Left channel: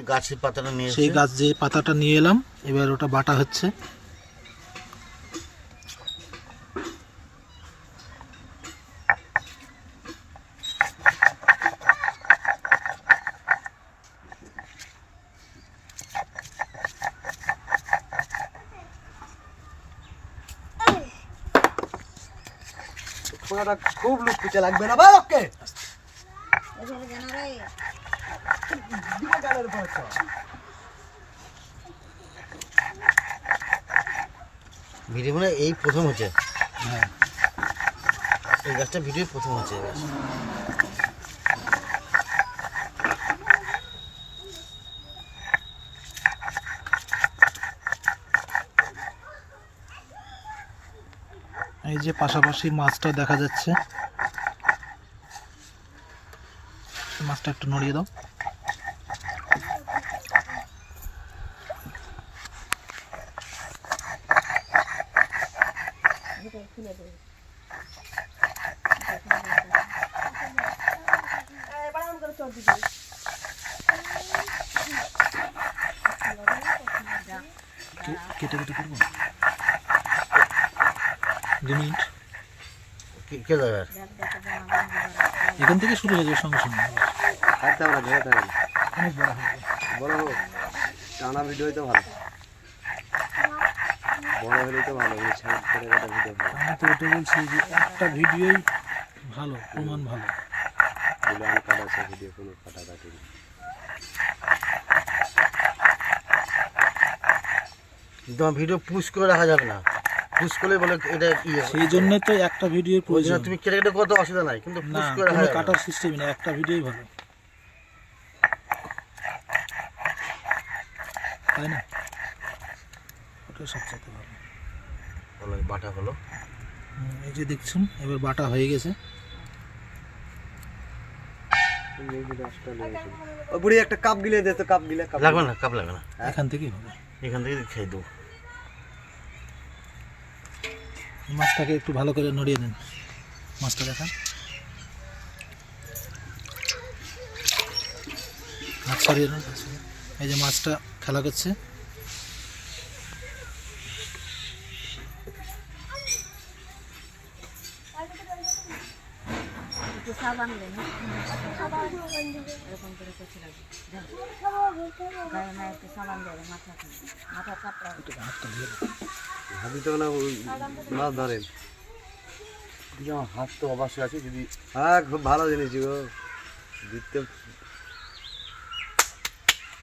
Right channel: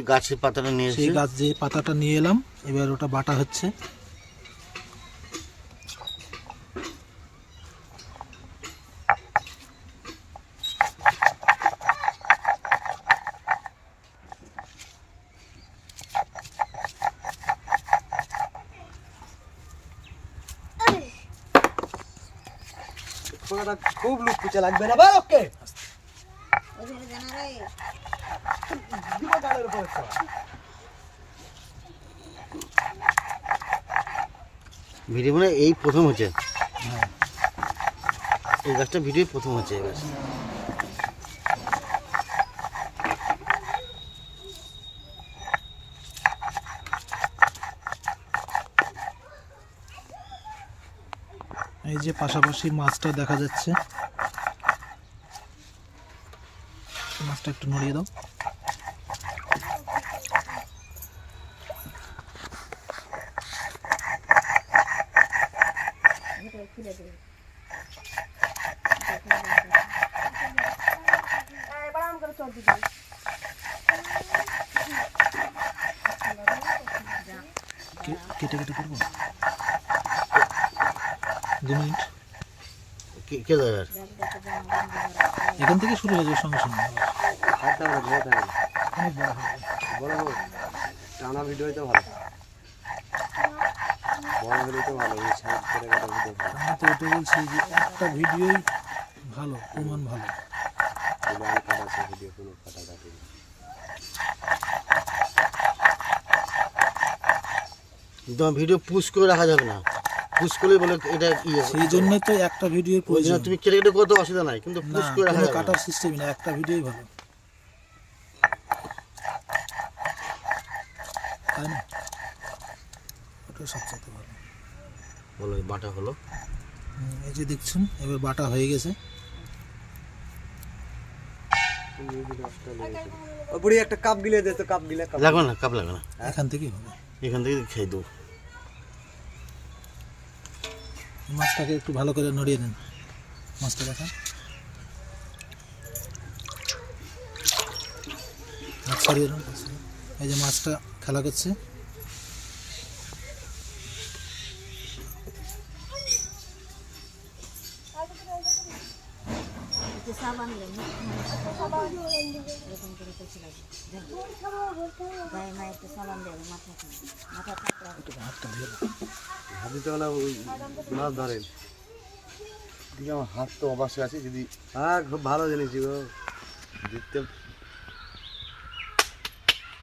গাছের পাতাটা নিয়ে সেই গাছ যে পাতাটা নিয়ে এলাম, এবার ওটা বাটা হচ্ছে। খুব লুকুতে লাগবে না ভাই। ওকে ভিডিও মানে এই প্রথম হচ্ছে। হ্যাঁ, এই গাছটা ভিডিও প্রথম হচ্ছে এই গাছ। এই যে পাশাপাশি মাছটা দেখা যাচ্ছে, মাছটা একটু নড়িয়ে দাও। কেটে কেটে করবো 2 মিনিট। কে দাদা এখান থেকে শুরু হয়ে যাবে সঙ্গে সঙ্গে, অনেক বড় হবে। বড় হোক, টানা ভিডিও তো ভালো, বড় হলে তো ভালো। আমি তো ওটা বলছি যে একটা ভিডিওই ভালো, প্রমাণ ভালো। ভিডিও কোনো কাটাকাটি তোমার ভিডিও পুশ করে রাখা যাবে না, পুশ করলে বলে এটা সেই জন্য তো একটা ভিডিওর প্রয়োজন। তুমি কেটে কেটে করতে অসুবিধা নাই, কিন্তু না, পুশ করে রাখা কোনো যাবে না। কাটার সিস্টেমই না, একটা ভিডিওই ভালো, তাই না? ওটা সবচেয়ে ভালো। বলো বাটা হলো। এই যে দেখছেন, এবার বাটা হয়ে গেছে। ও বুড়ি একটা কাপ গিলে দে তো, কাপ গিলে। লাগবে না, কাপ লাগবে না, এখান থেকেই হবে। এখান থেকে খেয়ে দেবো। মাছটাকে একটু ভালো করে নড়িয়ে দেন, মাছটা দেখান। হাত সরিয়ে দেন। এই যে মাছটা খেলা করছে। হাতটা দিয়ে দাও। হাতি তো না ওই মাছ ধরেন। আমার হাত তো অবশ্যই আছে, যদি হ্যাঁ খুব ভালো জিনিস গো, দেখতে